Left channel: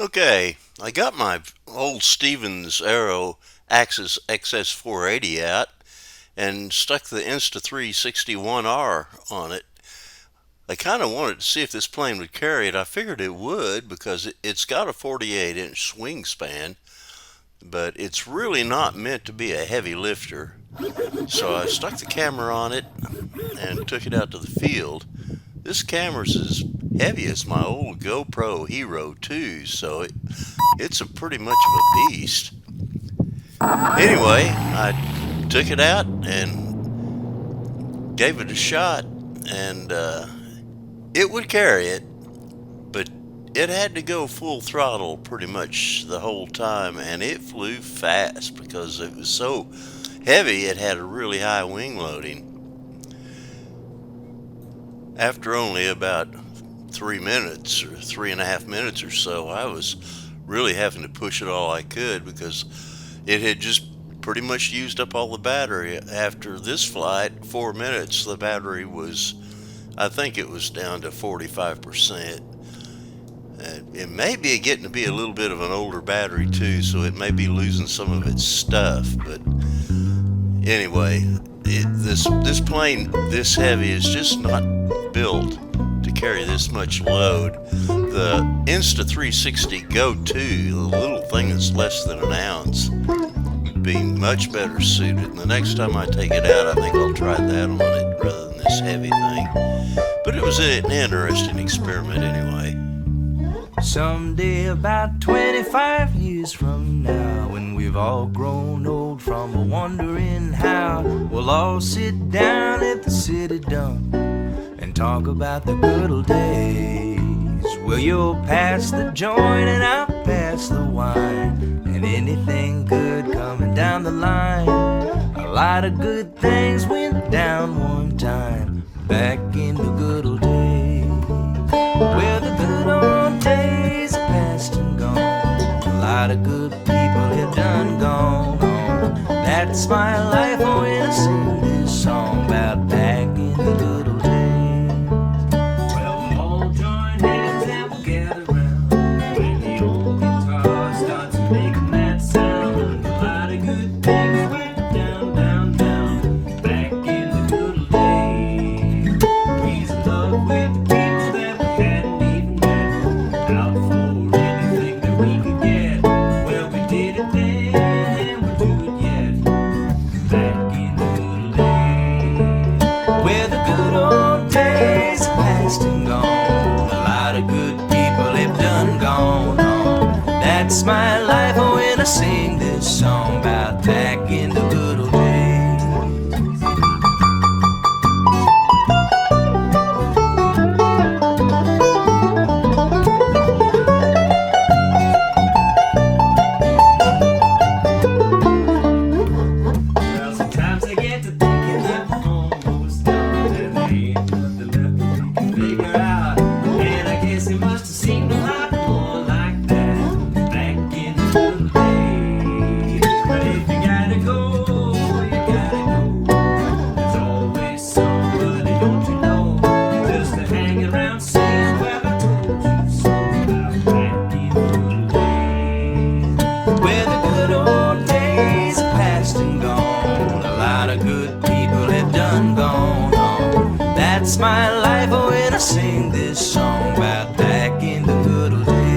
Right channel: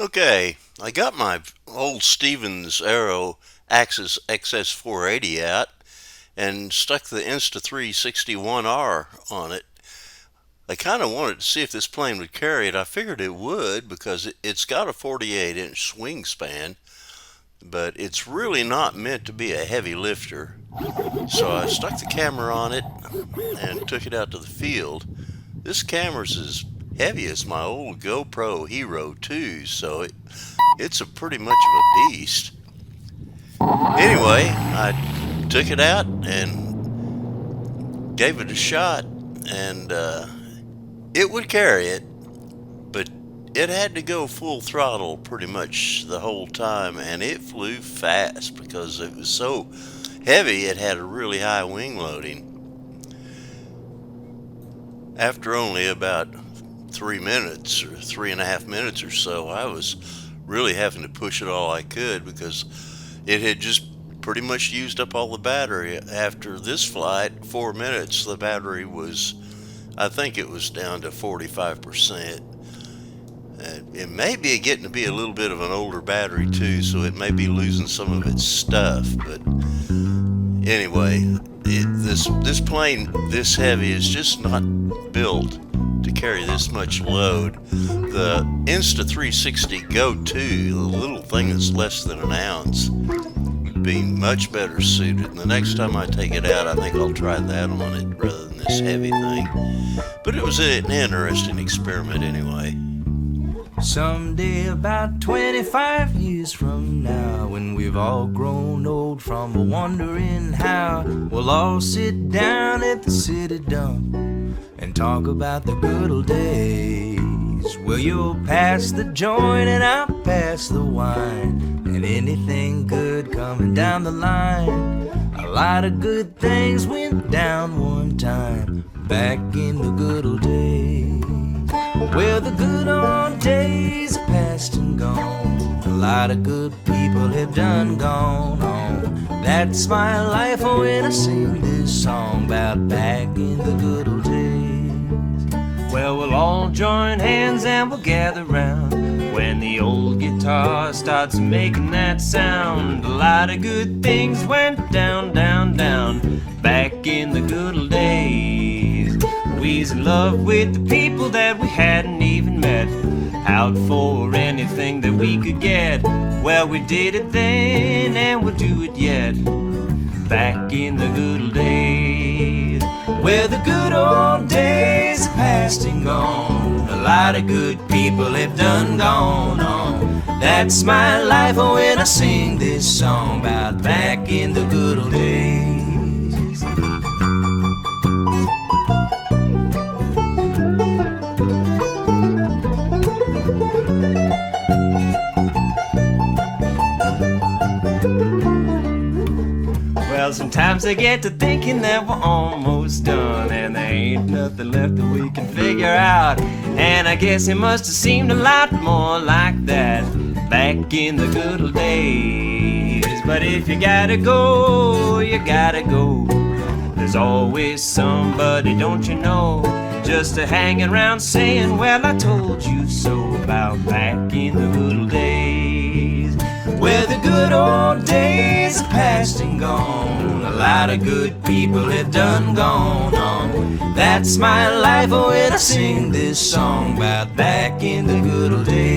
Okay, I got my old StevensAero Axis XS-480 out and stuck the Insta360 ONE R on it. I kind of wanted to see if this plane would carry it. I figured it would because it's got a 48-inch wingspan, but it's really not meant to be a heavy lifter. So I stuck the camera on it and took it out to the field. This camera's as heavy as my old GoPro Hero 2, so it's a pretty much of a beast. Anyway, I took it out and gave it a shot, and it would carry it, but it had to go full throttle pretty much the whole time, and it flew fast because it was so heavy. It had a really high wing loading. After only about 3 minutes or 3.5 minutes or so, I was really having to push it all I could because it had just pretty much used up all the battery. After this flight, 4 minutes, the battery was, I think it was down to 45%. It may be getting to be a little bit of an older battery too, so it may be losing some of its stuff, but anyway, this plane this heavy is just not built to carry this much load. The Insta360 Go 2, the little thing that's less than an ounce, would be much better suited. And the next time I take it out, I think I'll try that on it rather than this heavy thing. But it was an interesting experiment anyway. Someday about 25 years from now, when we've all grown old from wondering how, we'll all sit down at the city dump and talk about the good old days. Well, you'll pass the joint and I'll pass the wine, and anything good coming down the line. A lot of good things went down one time, back in the good old days. Well, the good old days are past and gone. A lot of good people have done gone on. That's my life when I sing this song about back in the good old days. Well, we'll all join hands and we'll gather round when the old guitar starts making that sound. A lot of good things went down, down, down, back in the good old days. We was in love with the people that we hadn't even met, out for anything that we could get. Well, we did it then and we'll do it yet, back in the good old days. Where the good old days are past and gone. A lot of good people have done gone on. That's my life when I sing this song about back in the good old days. Sometimes I get to thinking that we're almost done, and there ain't nothing left that we can figure out. And I guess it must have seemed a lot more like that back in the good old days. But if you gotta go, you gotta go. There's always somebody, don't you know, just to hang around saying, well, I told you so, about back in the good old days. Where the good old days are past and gone. A lot of good people have done gone on. That's my life when I sing this song about back in the good old days.